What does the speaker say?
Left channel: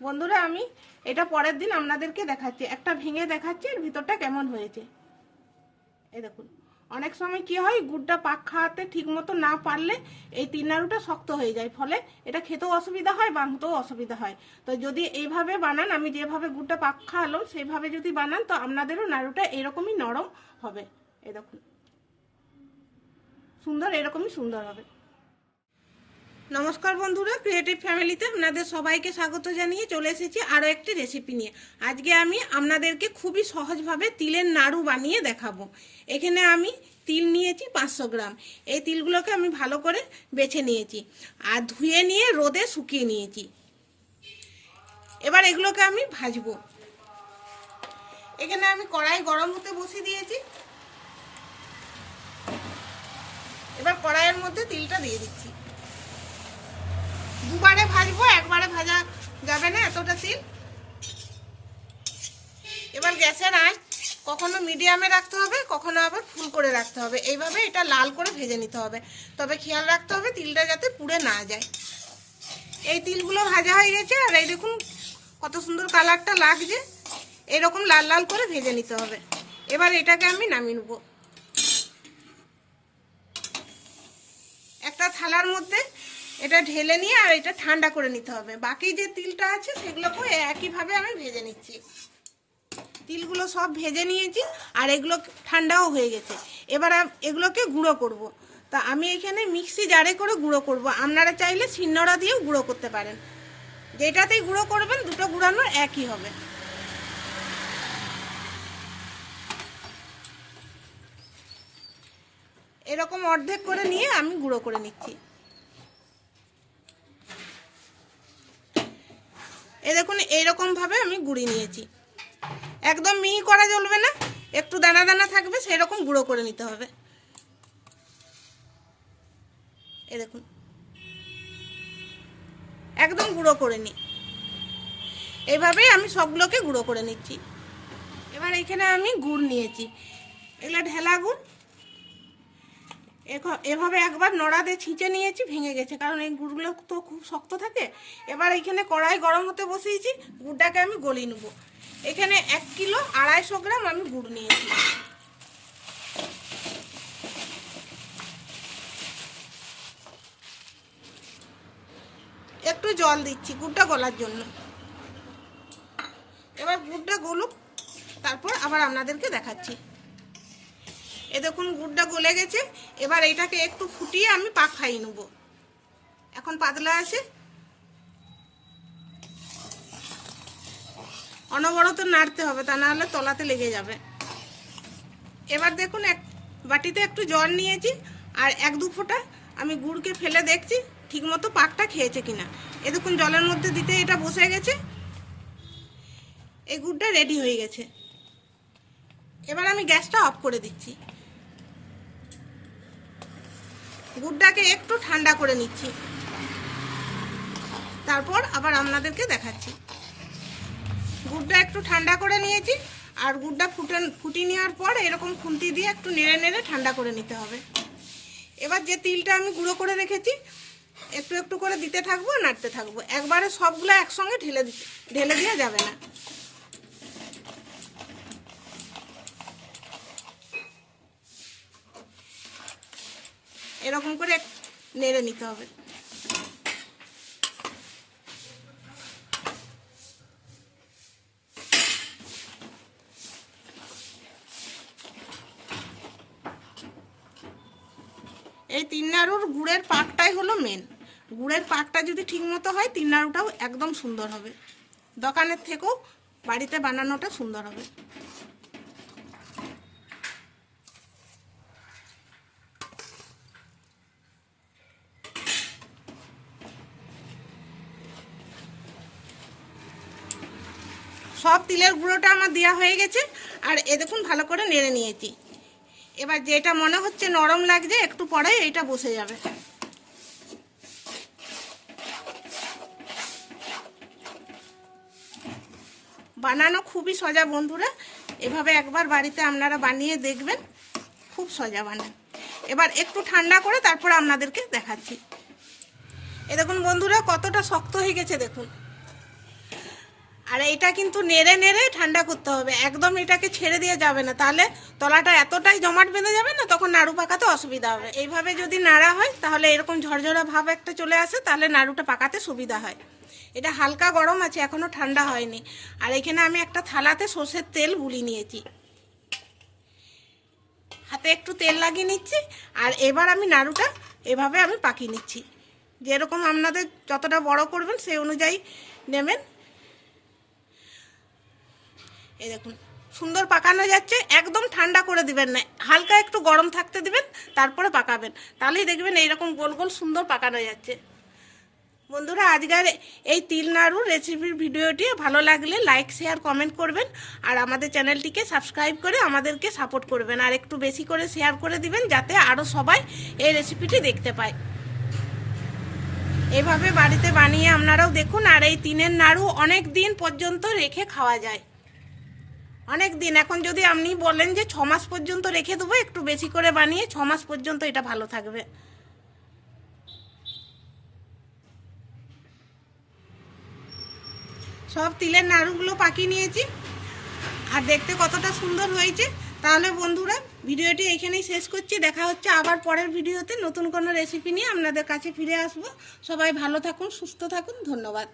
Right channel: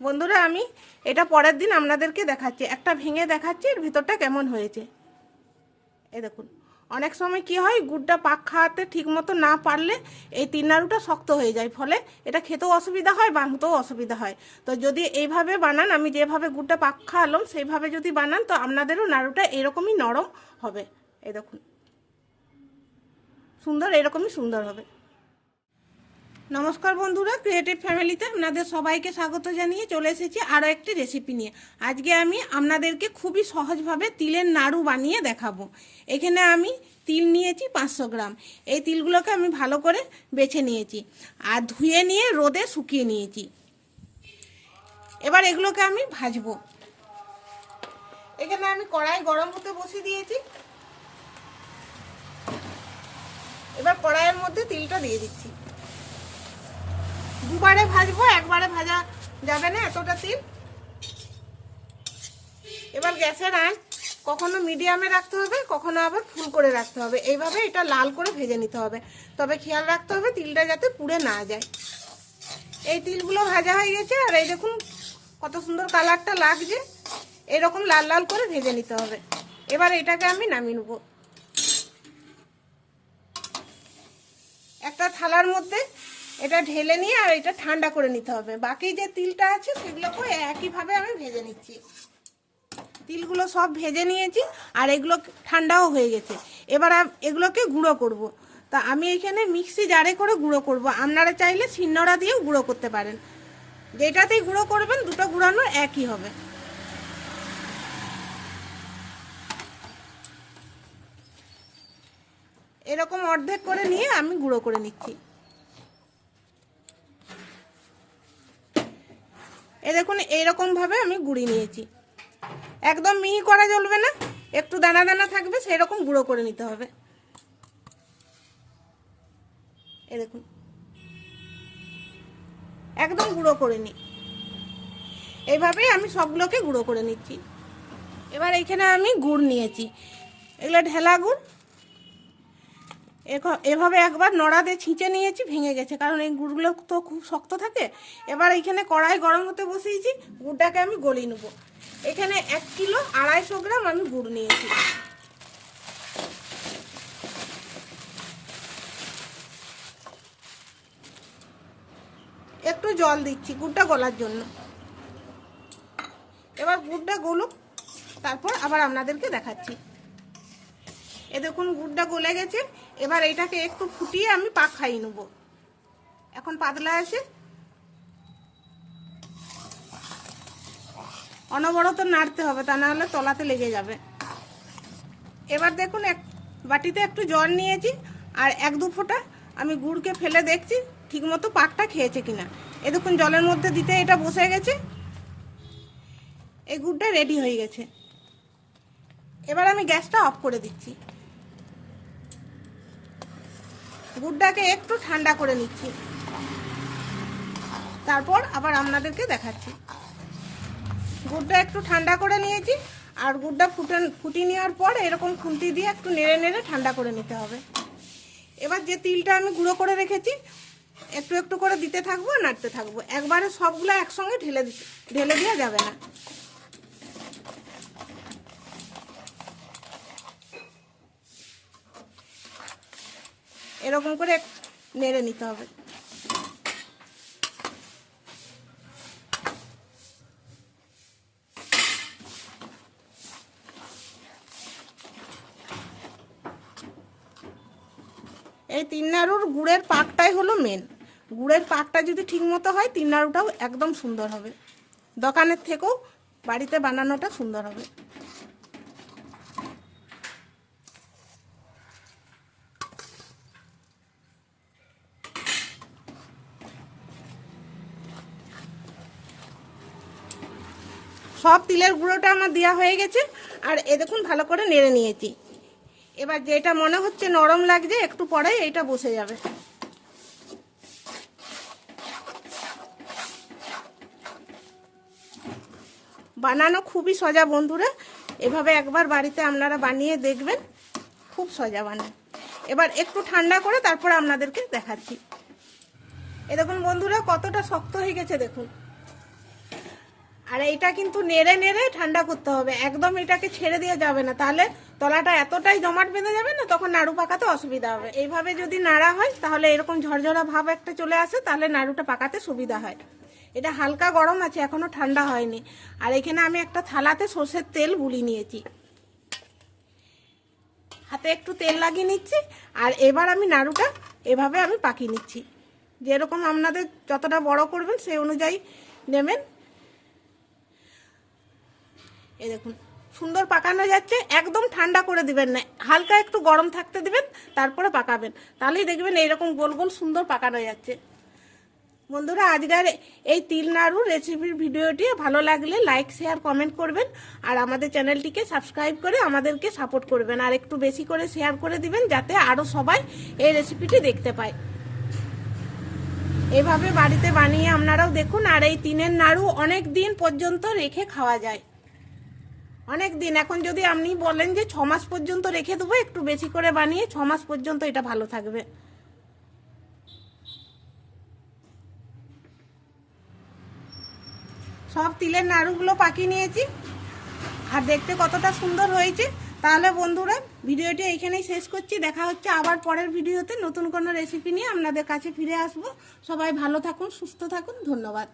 বন্ধুরা আমি এটা পরের দিন আপনাদেরকে দেখাচ্ছি, একটা ভেঙে দেখাচ্ছি এর ভিতরটা কেমন হয়েছে। এই দেখুন, অনেক সময় কি হয়, গুড়টা পাক খাওয়াতে ঠিক মতো না পারলে এই তিল নাড়ুটা শক্ত হয়ে যায়, ফলে এটা খেতেও অসুবিধা হয়, বানাতেও অসুবিধা হয়। তো যদি এইভাবে বানান, আমি যেভাবে গুড়টা পাক খাওয়ালাম সেইভাবে যদি বানান, তো আপনাদেরও নাড়ুটা এরকমই নরম হবে। এই দেখুন, সুন্দর, এরকমই সুন্দর হবে। নমস্কার বন্ধুরা, ক্রিয়েটিভ ফ্যামিলিতে আপনাদের সবাইকে স্বাগত জানিয়ে চলে এসেছি আরও একটি রেসিপি নিয়ে। আজকে আমি আপনাদেরকে খুবই সহজভাবে তিলের নাড়ু বানিয়ে দেখাবো। এখানে আমি তিল নিয়েছি 500 গ্রাম। এই তিলগুলোকে আমি ভালো করে বেছে নিয়েছি আর ধুয়ে নিয়ে রোদে শুকিয়ে নিয়েছি। এবার এগুলোকে আমি ভাজবো। এখানে আমি কড়াই গরম হতে বসিয়ে দিয়েছি। এবার কড়াইয়ের মধ্যে তিলটা দিয়ে দিচ্ছি। দুবারে ভাজবো, একবারে ভাজা যাবে না এতটা তিল। এবার গ্যাসের আঁচ কখনো মিডিয়ামে রাখতে হবে, কখনো আবার ফুল করে রাখতে হবে। এইভাবে এটা লাল করে ভেজে নিতে হবে, তবে খেয়াল রাখতে হবে তিলটা যাতে পুড়ে না যায়। এই তিলগুলো ভাজা হয়ে গেছে, আর এই দেখুন কত সুন্দর কালারটা লাগছে। এরকম লাল লাল করে ভেজে নিতে হবে। এবার এটাকে আমি নামিয়ে নেব একটা থালার মধ্যে। এটা ঢেলে নিয়ে আর এটা ঠান্ডা করে নিতে হবে। বাকি যে তিলটা আছে সেগুলোকে একইভাবে আমি ভেজে নিচ্ছি। তিলগুলো সব ভেজে নিয়েছি আর এগুলো ঠান্ডাও হয়ে গেছে। এবার এগুলোকে গুঁড়ো করব। তা আমি এখানে মিক্সি জারে করে গুঁড়ো করব। আপনারা চাইলে শিলনোড়া দিয়েও গুঁড়ো করতে পারেন। যেটাতেই গুঁড়ো করবেন দুটো গুঁড়ানো একই হবে। এরকম অর্ধেক করে নিয়ে আমি গুঁড়ো করে নিচ্ছি। এ দেখুন, এইরকম ভাবে আমি গুঁড়িয়ে নিয়েছি। একদম মিহি করা চলবে না, একটু দানা দানা থাকবে, সেরকম গুঁড়ো করে নিতে হবে। এই দেখুন, একদম গুঁড়ো করে নিই। এইভাবেই আমি সবগুলোকে গুঁড়ো করে নিচ্ছি। এবার এইখানে আমি গুড় নিয়েছি, এগুলো ঢেলা গুড়। এভাবে একবার নড়াতে ছিঁচে নিয়েছি, ভেঙে গেছে, কারণ এই গুড়গুলো তো খুব শক্ত থাকে। এবার এখানে কড়াই গরম হতে বসিয়েছি, গুড়টাকে আমি গলিয়ে নেব। এখানে 1 কিলো 250 গ্রাম আমি গুড় নিয়েছি। একটু জল দিচ্ছি গুড়টা গলার জন্য। এবার গুড়টা গলুক, তারপর আবার আপনাদেরকে দেখাচ্ছি। এ দেখুন গুড়টা গলে গেছে। এবার এটাকে একটু ফুটিয়ে আমি পাক খাইয়ে নেব। এখন পাতলা আছে, অনবরত নাড়তে হবে, তা নাহলে তলাতে লেগে যাবে। এবার দেখুন এক বাটিতে একটু জল নিয়েছি আর 1-2 ফোঁটা আমি গুড়কে ফেলে দেখছি ঠিকমতো পাকটা খেয়েছে কিনা। এ দেখুন জলের মধ্যে দিতে এটা বসে গেছে। এই গুড়টা রেডি হয়ে গেছে। এবার আমি গ্যাসটা অফ করে দিচ্ছি। গুড়টাকে একটু ঠান্ডা করে নিচ্ছি, তারপর আবার আপনাদেরকে দেখাচ্ছি। গুড়টা একটু ঠান্ডা করে নিয়েছি, আর গুড়টা ফুটিয়ে নেওয়ার পর এরকম খুন্তি দিয়ে একটু নেড়ে নেড়ে ঠান্ডা করে নিতে হবে। এবার যে তিলটা আমি গুঁড়ো করে রেখেছি একটু একটু করে দিতে থাকবো, নাড়তে থাকবো। একবারে সবগুলো একসঙ্গে ঢেলে দেওয়া যাবে না। এরকম করে নেড়ে নিতে হবে। এই তিল নাড়ুর গুড়ের পাকটাই হলো মেন। গুড়ের পাকটা যদি ঠিক মতো হয়, তিল নাড়ুটাও একদম সুন্দর হবে। দোকানের থেকেও বাড়িতে বানানোটা সুন্দর হবে। সব তিলের গুঁড়োটা আমার দেওয়া হয়ে গেছে, আর এ দেখুন ভালো করে নেড়ে নিয়েছি। এবার যেটা মনে হচ্ছে নরম লাগছে, একটু পরে এইটা বসে যাবে। বানানো খুবই সোজা বন্ধুরা, এভাবে একবার বাড়িতে আপনারা বানিয়ে দেখবেন, খুব সোজা বানান। এবার একটু ঠান্ডা করে তারপর আপনাদেরকে দেখাচ্ছি। এ দেখুন বন্ধুরা কতটা শক্ত হয়ে গেছে দেখুন। আর এইটা কিন্তু নেড়ে নেড়ে ঠান্ডা করতে হবে, একদম এটাকে ছেড়ে দিয়ে যাবে না, তাহলে তলাটা এতটাই জমাট বেঁধে যাবে না, তখন নাড়ু পাকাতে অসুবিধা হবে। এইভাবে যদি নাড়া হয় তাহলে এরকম ঝরঝরা ভাব একটা চলে আসে, তাহলে নাড়ুটা পাকাতে সুবিধা হয়। এটা হালকা গরম আছে, এখনো ঠান্ডা হয়নি। আর এখানে আমি একটা থালাতে সর্ষের তেল গুলি নিয়েছি, হাতে একটু তেল লাগিয়ে নিচ্ছি। আর এবার আমি নাড়ুটা এভাবে আমি পাকিয়ে নিচ্ছি, যেরকম আপনাদের যতটা বড় করবেন সেই অনুযায়ী নেবেন। এই দেখুন সুন্দর পাকানো যাচ্ছে, একদম ঠান্ডা করে দিবেন না, হালকা একটু গরম থাকতে দিবেন, তারপরে পাকাবেন, তাহলেই দেখবেন এইরকম গোল গোল সুন্দর পাকানো যাচ্ছে। বন্ধুরা, আজকের এই তিল নাড়ুর রেসিপির ভিডিওটি ভালো লাগলে লাইক শেয়ার কমেন্ট করবেন, আর আমাদের চ্যানেলটিকে সাবস্ক্রাইব করে আমাদেরকে সাপোর্ট করবেন, আর একটু বেশি করে শেয়ার করে দিবেন যাতে আরও সবাই এই রেসিপিটি দেখতে পায়। এইভাবে বাড়িতে বানিয়ে আপনারাও দেখুন। আর এই তিলের নাড়ু অনেক দিন পর্যন্ত রেখে খাওয়া যায়, অনেক দিন। এখন যদি আপনি বলেন যে 6 মাস পর্যন্ত রেখে দেবো, একটু বেশি করে বানিয়ে 6 মাস পর্যন্ত এটা ভালো থাকবে। সব তিলের নাড়ুগুলো পাকিয়ে নিয়েছি, আর দেখতে কতটা সুন্দর হয়েছে। তাহলে বন্ধুরা, ভিডিওটি এইখানেই শেষ করছি। দেখা হচ্ছে আবার পরের ভিডিওতে নতুন কোনো রেসিপি নিয়ে আপনাদের কাছে ফিরে আসবো। সবাই ভালো থাকুন, সুস্থ থাকুন, ধন্যবাদ।